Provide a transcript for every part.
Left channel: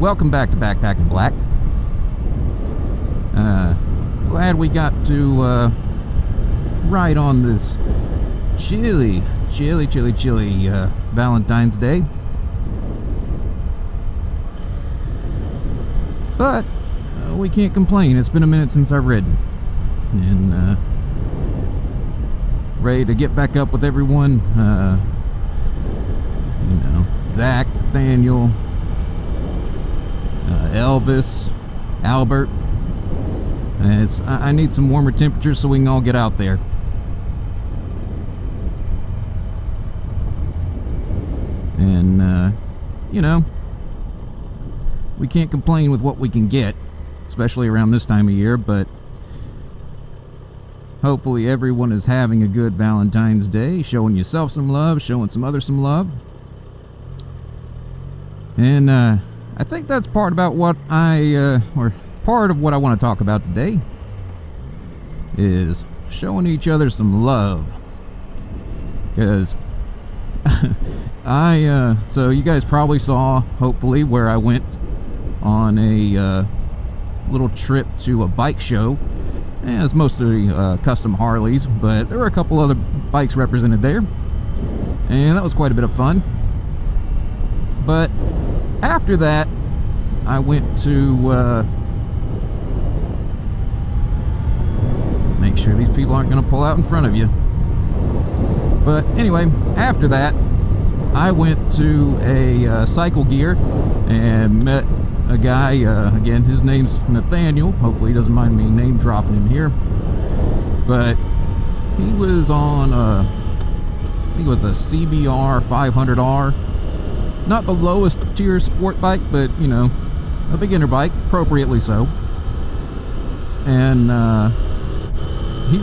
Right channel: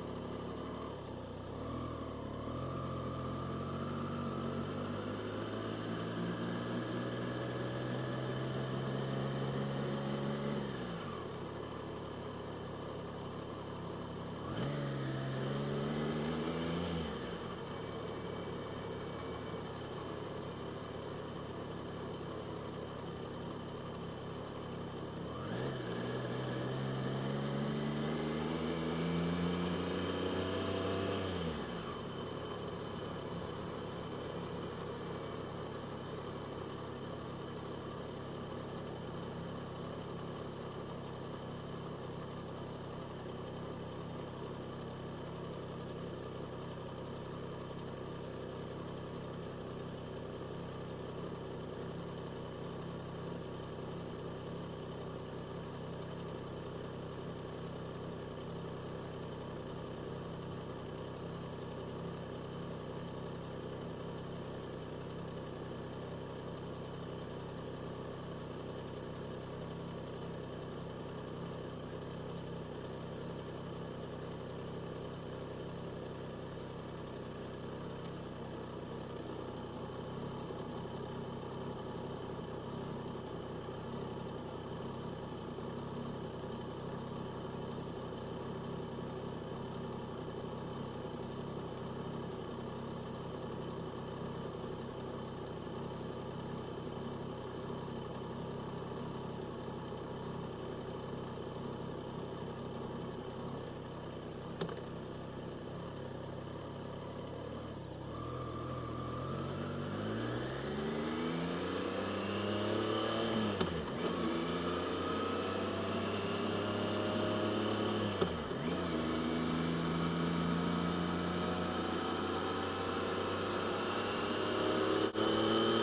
welcome back to Backpacking Black. Glad we got to ride on this chilly Valentine's Day. But we can't complain. It's been a minute since I've ridden, and ready to get back up with everyone. Zach, Daniel, Elvis, Albert. I need some warmer temperatures so we can all get out there. And we can't complain with what we can get, especially around this time of year, but hopefully everyone is having a good Valentine's Day, showing yourself some love, showing some others some love. And I think that's part about what or part of what I want to talk about today is showing each other some love. Because so you guys probably saw, hopefully, where I went on a little trip to a bike show. And it's mostly custom Harleys, but there were a couple other bikes represented there, and that was quite a bit of fun. But after that, I went to make sure these people aren't going to pull out in front of you. But anyway, after that, I went to a Cycle Gear and met a guy, again, his name's Nathaniel. Hopefully he doesn't mind me name dropping him here. But he was on he was a CBR 500R. Not the lowest tier sport bike, but, you know, a beginner bike, appropriately so. And he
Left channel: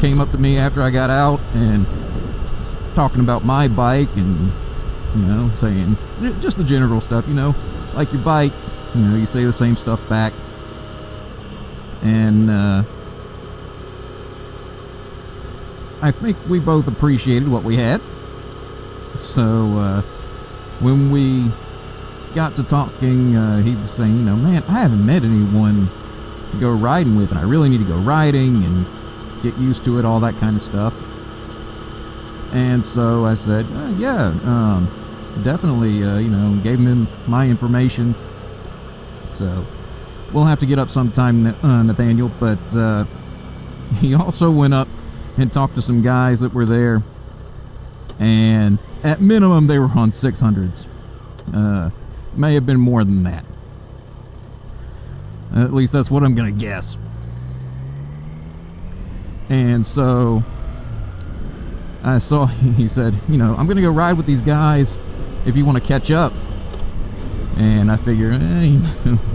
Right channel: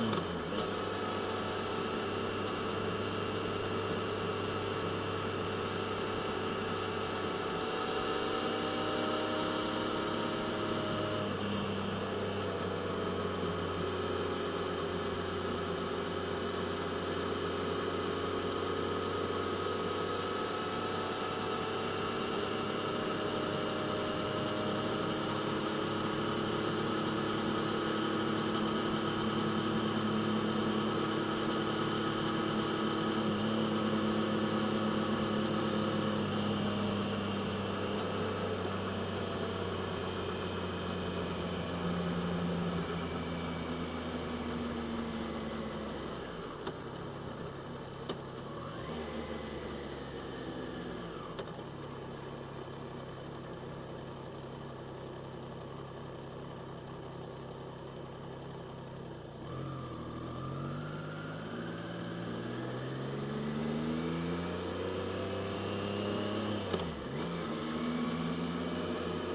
came up to me after I got out and talking about my bike and, you know, saying just the general stuff, you know, like your bike. You know, you say the same stuff back, and I think we both appreciated what we had. So when we got to talking, he was saying, you know, man, I haven't met anyone to go riding with, and I really need to go riding and get used to it, all that kind of stuff. And so I said, yeah, definitely, you know, gave him my information. So we'll have to get up sometime, Nathaniel. But he also went up and talked to some guys that were there, and at minimum they were on 600s. May have been more than that. At least that's what I'm gonna guess. And so I saw, he said, you know, I'm gonna go ride with these guys if you want to catch up. And I figured,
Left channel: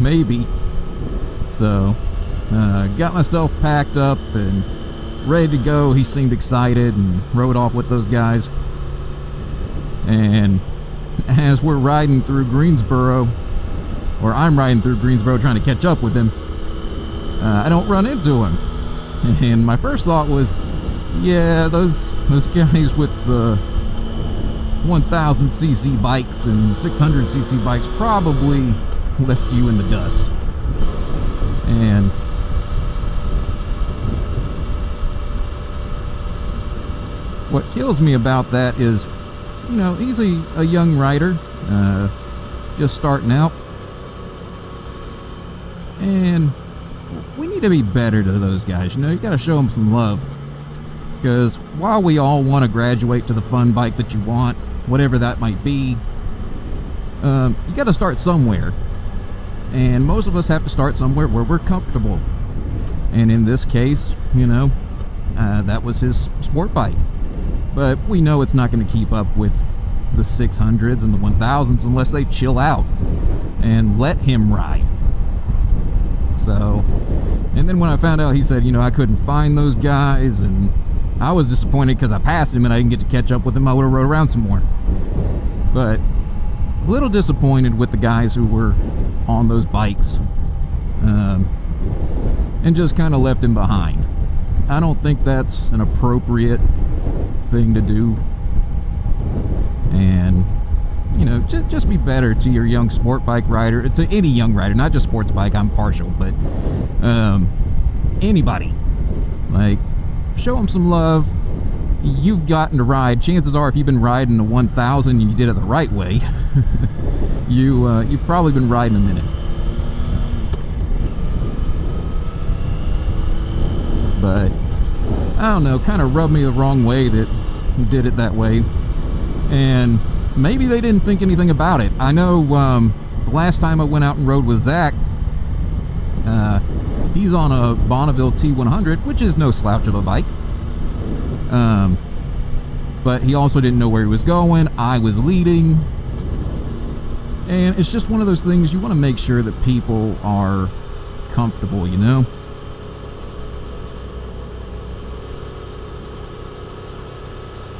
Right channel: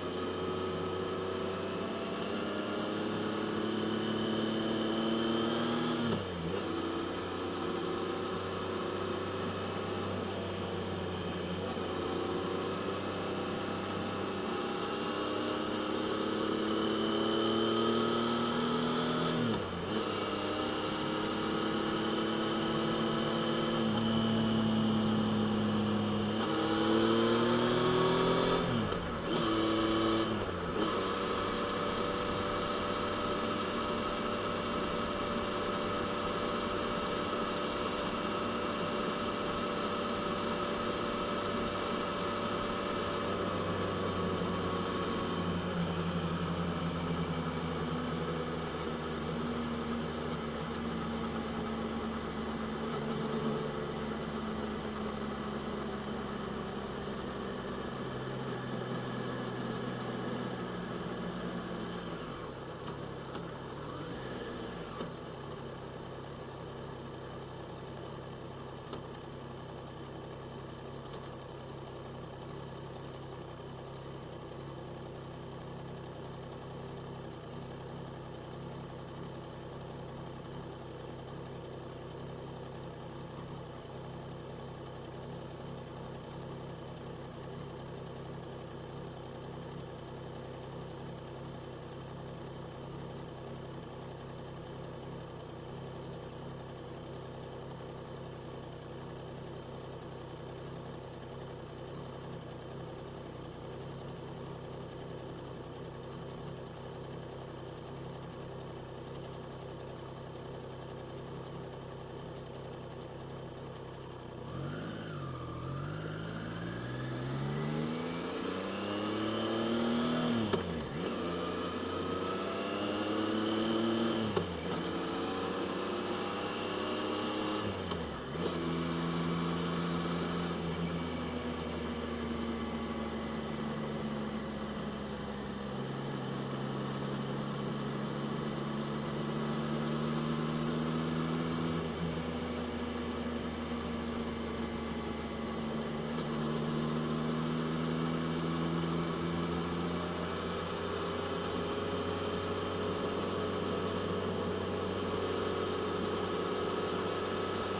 maybe. So, got myself packed up and ready to go. He seemed excited and rode off with those guys. And as we're riding through Greensboro, or I'm riding through Greensboro trying to catch up with him, I don't run into him. And my first thought was, yeah, those guys with the 1000cc bikes and 600cc bikes probably left you in the dust. And what kills me about that is, you know, he's a young rider, just starting out, and we need to be better to those guys. You know, you got to show them some love, because while we all want to graduate to the fun bike that you want, whatever that might be, you got to start somewhere, and most of us have to start somewhere where we're comfortable. And in this case, you know, that was his sport bike, but we know it's not going to keep up with the 600s and the 1000s unless they chill out and let him ride. So, and then when I found out, he said, you know, I couldn't find those guys, and I was disappointed because I passed him and I didn't get to catch up with him. I would have rode around some more. But a little disappointed with the guys who were on those bikes, and just kind of left him behind. I don't think that's an appropriate thing to do. And you know, just be better to your young sport bike rider. It's any young rider, not just sports bike. I'm partial, but anybody. Like, show them some love. You've gotten to ride. Chances are, if you've been riding the 1000 and you did it the right way, you've probably been riding a minute. But I don't know, kind of rubbed me the wrong way that he did it that way. And maybe they didn't think anything about it. I know the last time I went out and rode with Zach, he's on a Bonneville T100, which is no slouch of a bike. But he also didn't know where he was going. I was leading. And it's just one of those things, you want to make sure that people are comfortable, you know?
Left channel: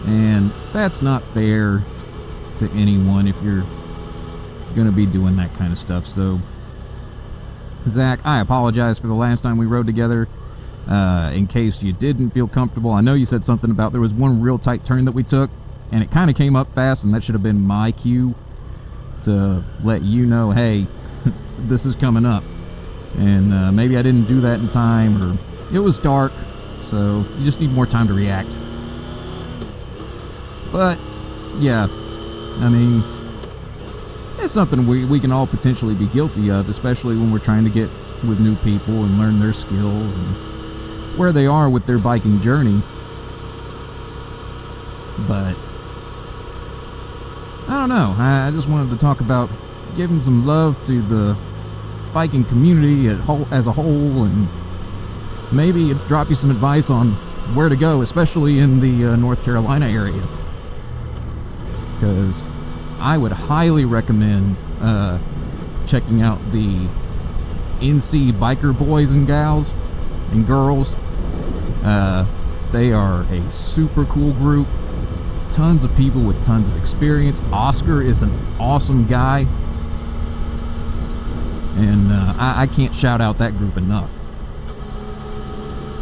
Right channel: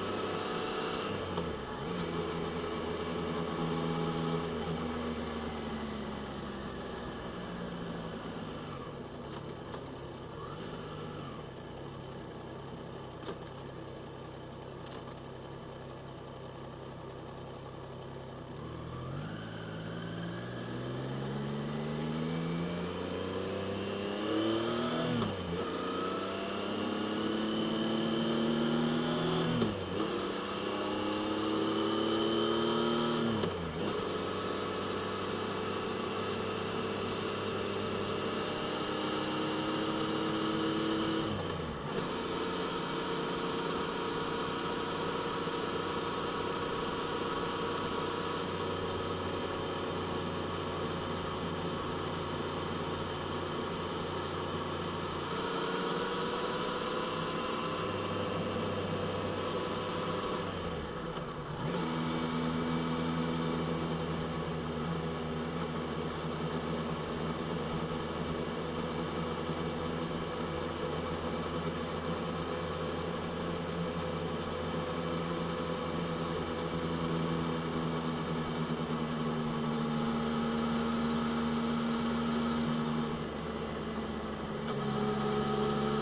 And that's not fair to anyone if you're going to be doing that kind of stuff. So, Zach, I apologize for the last time we rode together. In case you didn't feel comfortable, I know you said something about there was one real tight turn that we took, and it kind of came up fast, and that should have been my cue to let you know, hey, this is coming up. And maybe I didn't do that in time, or it was dark, so you just need more time to react. But yeah, I mean, it's something we can all potentially be guilty of, especially when we're trying to get with new people and learn their skills and where they are with their biking journey. But I don't know, I just wanted to talk about giving some love to the biking community as a whole, and maybe drop you some advice on where to go, especially in the North Carolina area. Because I would highly recommend checking out the NC biker boys and gals and girls. They are a super cool group. Tons of people with tons of experience. Oscar is an awesome guy. And I can't shout out that group enough.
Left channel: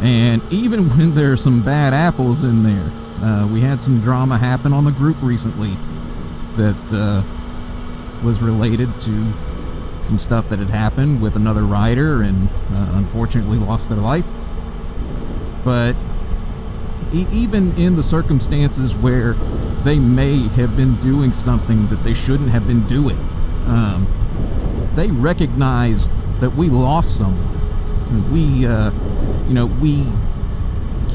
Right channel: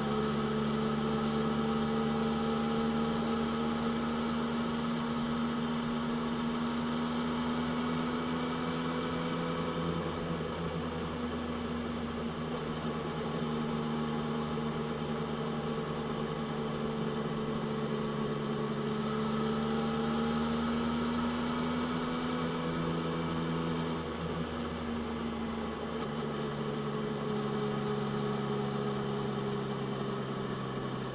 And even when there's some bad apples in there, we had some drama happen on the group recently that was related to some stuff that had happened with another rider, and unfortunately lost their life. But even in the circumstances where they may have been doing something that they shouldn't have been doing, they recognize that we lost someone. We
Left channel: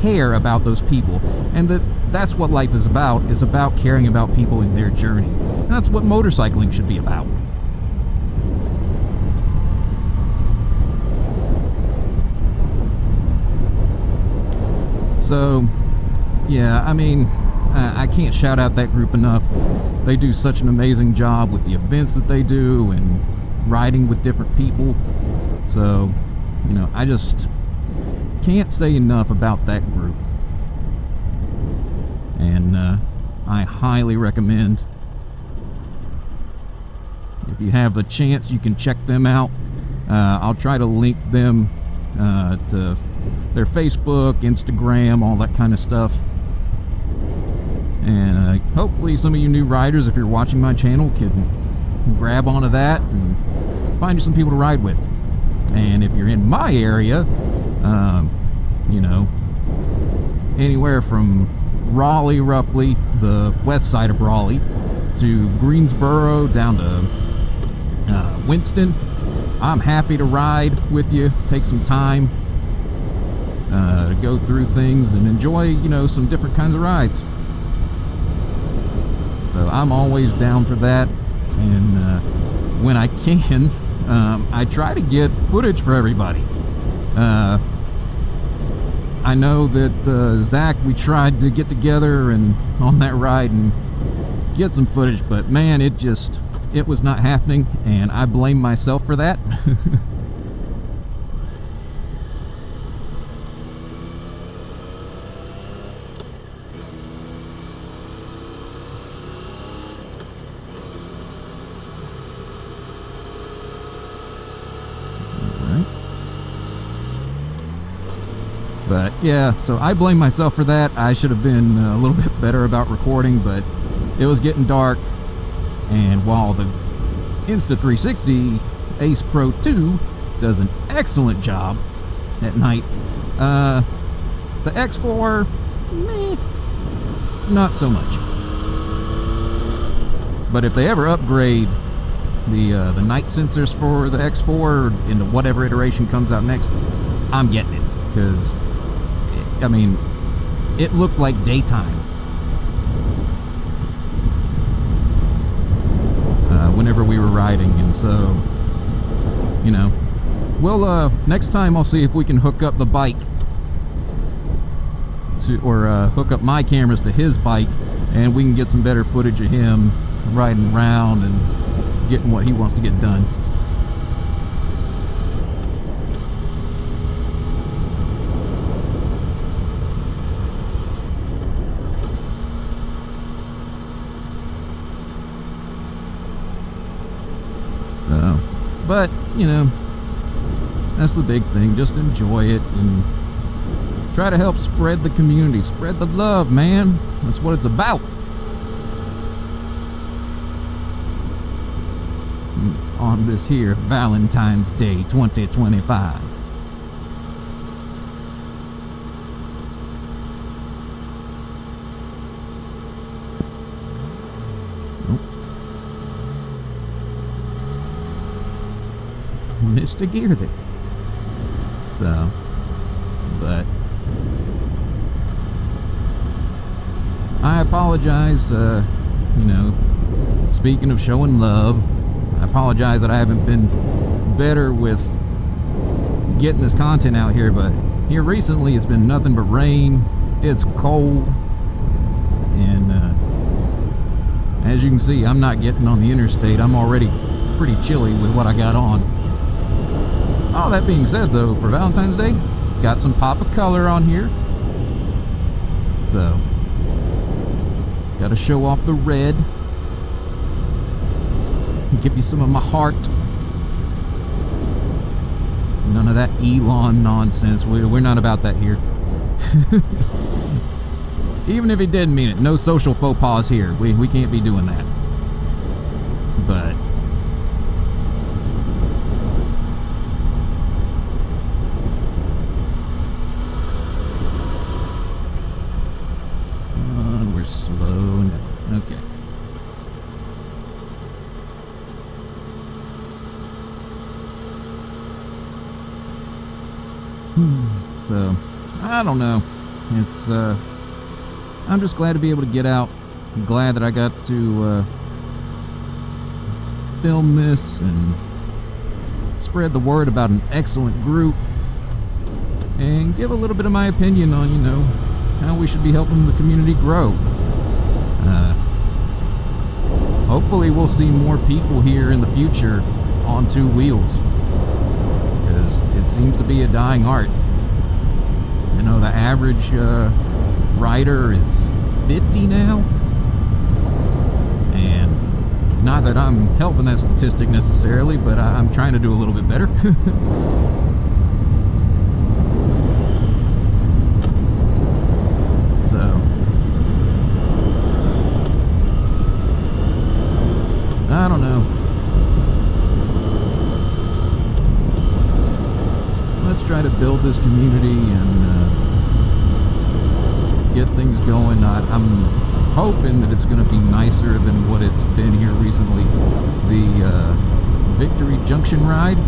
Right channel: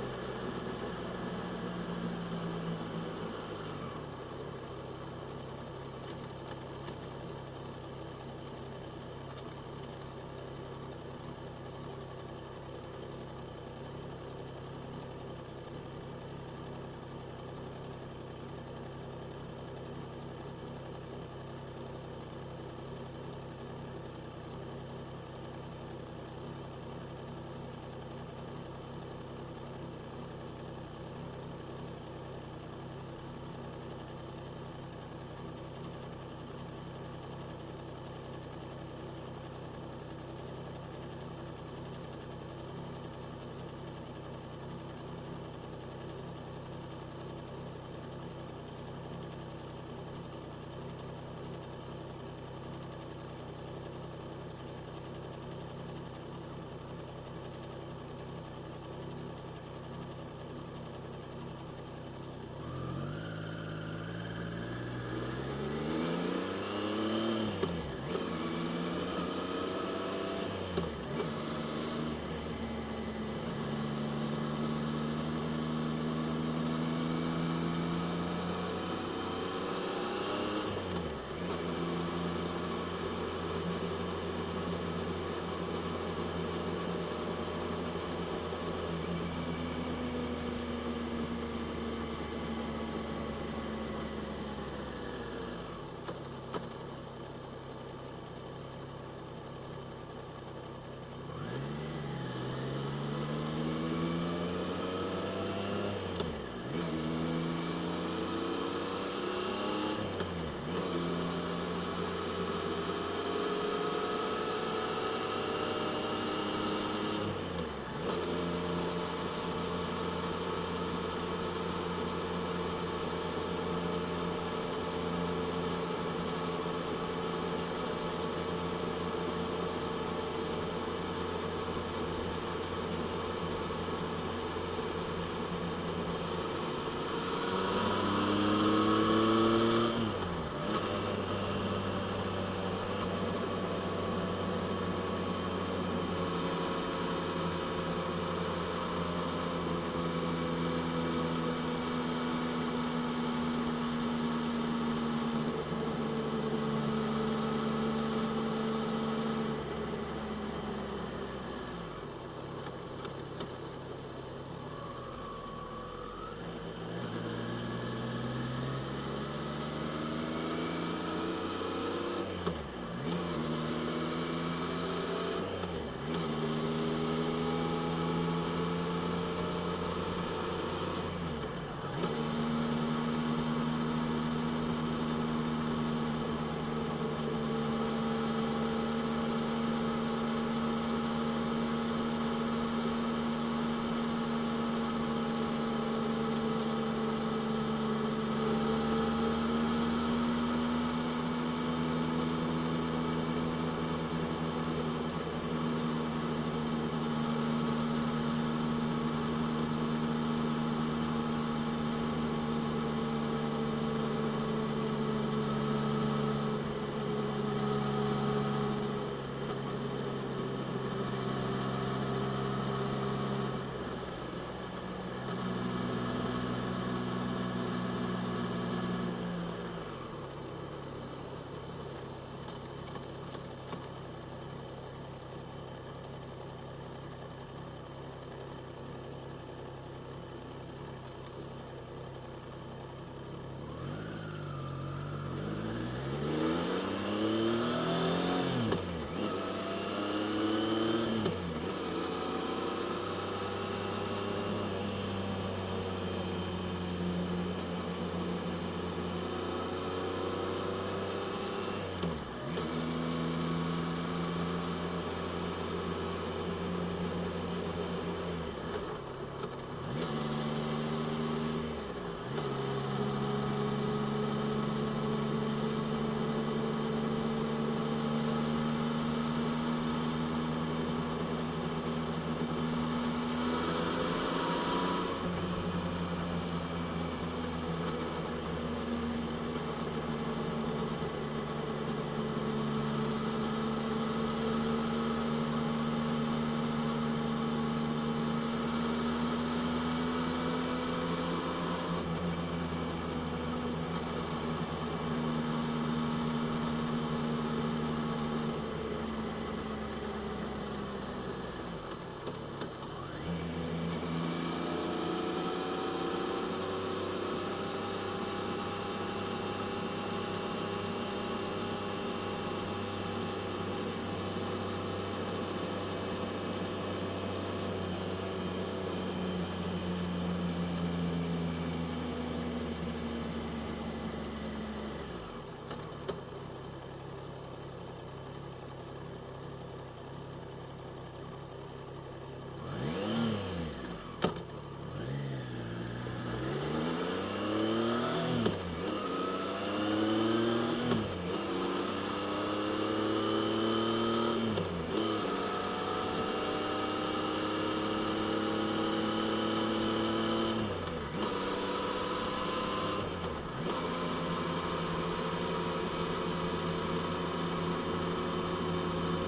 care about those people, and that's what life is about caring about people in their journey. And that's what motorcycling should be about. So yeah, I mean, I can't shout out that group enough. They do such an amazing job with the events that they do and riding with different people. So, you know, I just can't say enough about that group. And I highly recommend, if you have a chance, you can check them out. I'll try to link them to their Facebook, Instagram, all that kind of stuff. And hopefully some of you new riders, if you're watching my channel, can grab onto that and find you some people to ride with. And if you're in my area, you know, anywhere from Raleigh, roughly, the west side of Raleigh, to Greensboro, down to Winston, I'm happy to ride with you, take some time, go through things and enjoy, you know, some different kinds of rides. So I'm always down for that, and when I can, I try to get footage for everybody. I know that Zach, we tried to get together and on that ride and get some footage, but man, it was not happening, and I blame myself for that. But yeah, so I blame myself for that. I should have been a little bit better about recording, but it was getting dark, And while the Insta360 Ace Pro 2 does an excellent job at night, the X4, not so much. But if they ever upgrade the night sensors for the X4 into whatever iteration comes out next, I'm getting it, because I mean, it looked like daytime whenever we were riding. And so, you know, we'll next time I'll see if we can hook up the bike or hook up my cameras to his bike, and we can get some better footage of him riding around and getting what he wants to get done. So, but you know, that's the big thing. Just enjoy it and try to help spread the community, spread the love, man. That's what it's about. On this here Valentine's Day 2025. Missed a gear there. So, but I apologize, you know, speaking of showing love, I apologize that I haven't been better with getting this content out here, but here recently it's been nothing but rain. It's cold, and as you can see, I'm not getting on the interstate. I'm already pretty chilly with what I got on. All that being said, though, for Valentine's Day, got some pop of color on here, so gotta show off the red. Give you some of my heart. None of that Elon nonsense. We're not about that here. Even if he did mean it, no social faux pas here. We can't be doing that. But we're slow. Okay. So, I don't know. It's, I'm just glad to be able to get out. I'm glad that I got to film this and spread the word about an excellent group and give a little bit of my opinion on, you know, how we should be helping the community grow. Hopefully we'll see more people here in the future on two wheels, because it seems to be a dying art. You know, the average rider is 50 now, and not that I'm helping that statistic necessarily, but I'm trying to do a little bit better. So I don't know. Let's try to build this community and get things going. I'm hoping that it's going to be nicer than what it's been here recently. The Victory Junction ride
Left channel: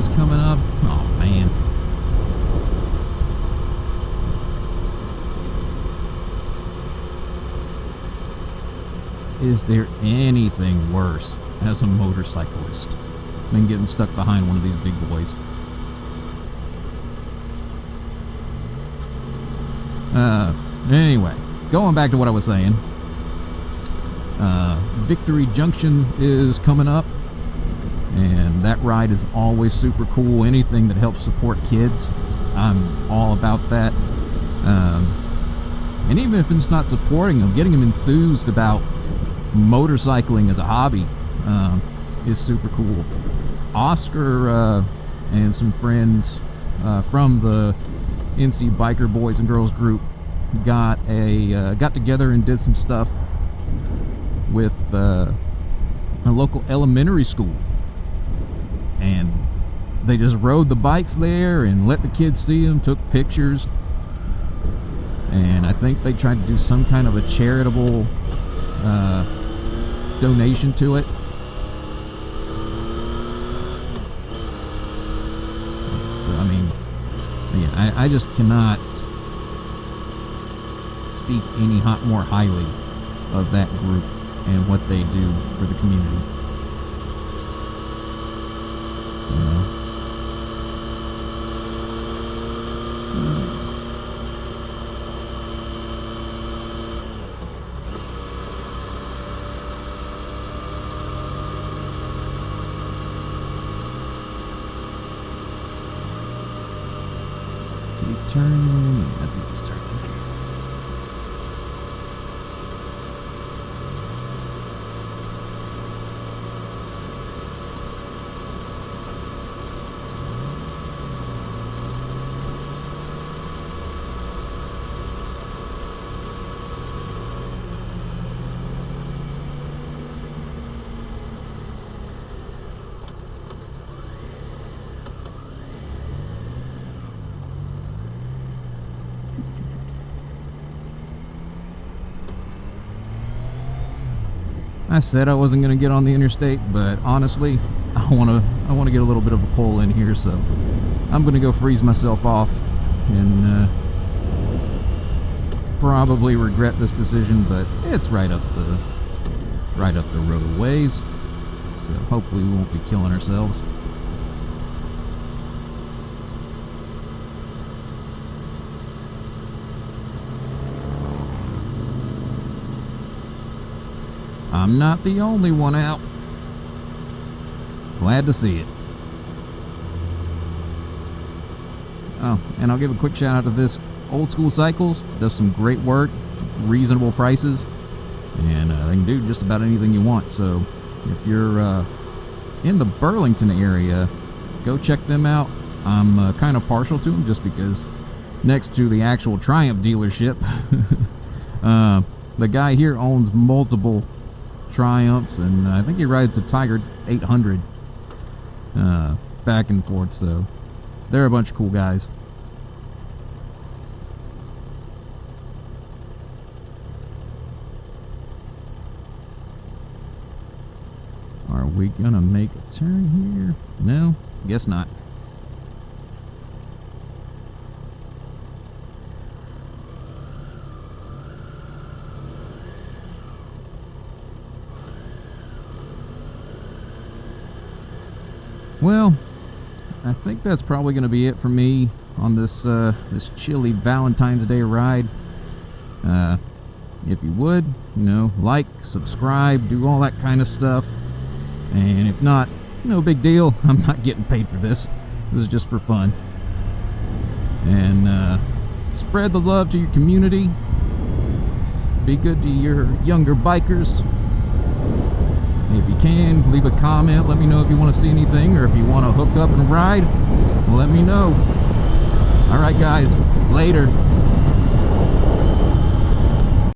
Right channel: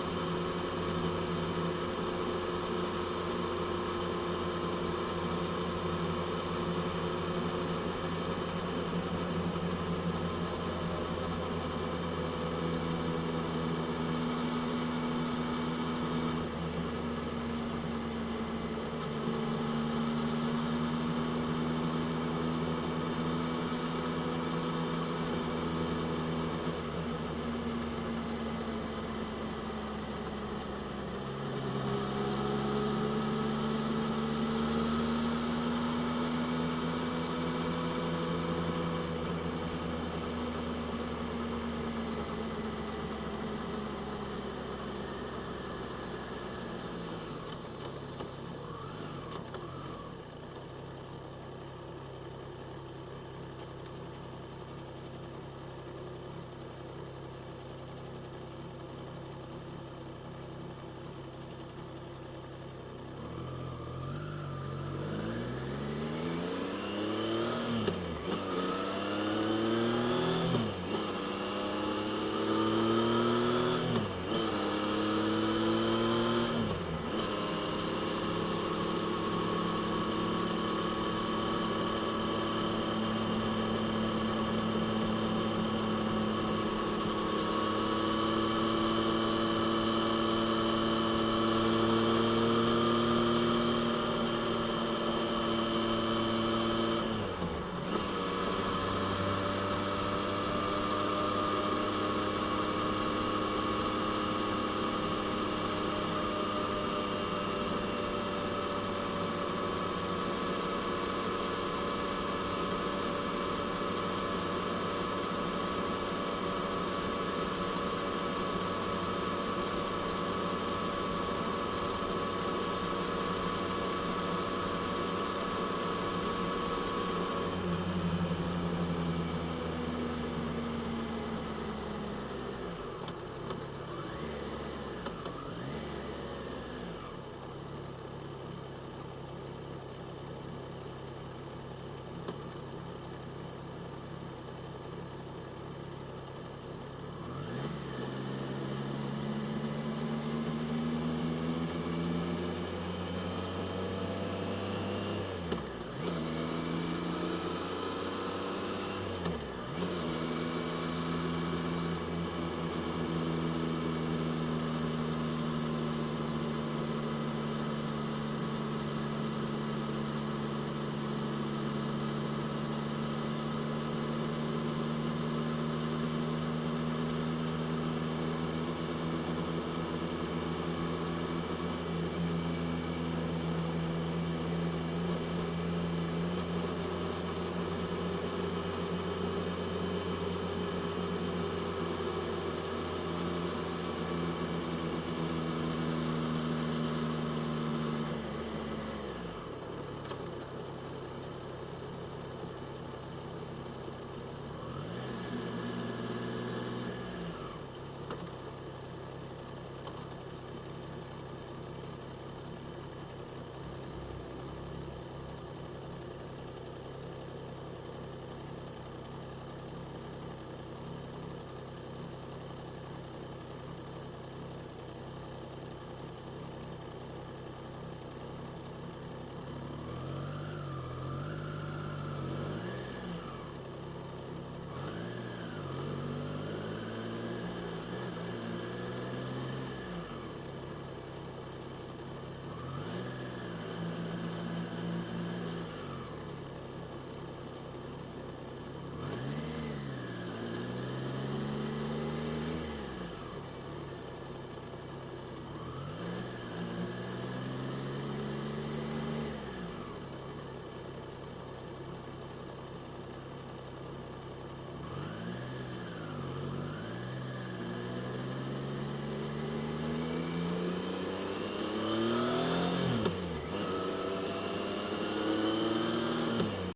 is coming up. Oh man. Is there anything worse as a motorcyclist than getting stuck behind one of these big boys? Anyway, going back to what I was saying, Victory Junction is coming up, and that ride is always super cool. Anything that helps support kids, I'm all about that. And even if it's not supporting them, getting them enthused about motorcycling as a hobby is super cool. Oscar and some friends from the NC Biker Boys and Girls group got together and did some stuff with a local elementary school, and they just rode the bikes there and let the kids see them, took pictures, and I think they tried to do some kind of a charitable donation to it. So, I mean, yeah, I just cannot speak any more highly of that group and what they do for the community. I said I wasn't going to get on the interstate, but honestly, I want to get a little bit of a pull in here, so I'm going to go freeze myself off and probably regret this decision, but it's right up the roadways. Hopefully we won't be killing ourselves. I'm not the only one out. Glad to see it. Oh, and I'll give a quick shout out to this Old School Cycles. Does some great work, reasonable prices, and they can do just about anything you want. So if you're in the Burlington area, go check them out. I'm kind of partial to them just because next to the actual Triumph dealership, the guy here owns multiple Triumphs, and I think he rides a Tiger 800 back and forth, so they're a bunch of cool guys. Are we gonna make a turn here? No, guess not. Well, I think that's probably going to be it for me on this this chilly Valentine's Day ride. If you would, like, subscribe, do all that kind of stuff. And if not, no big deal. I'm not getting paid for this. This is just for fun. And spread the love to your community. Be good to your younger bikers. If you can, leave a comment. Let me know if you want to see anything, or if you want to hook up and ride, let me know. Alright guys, later.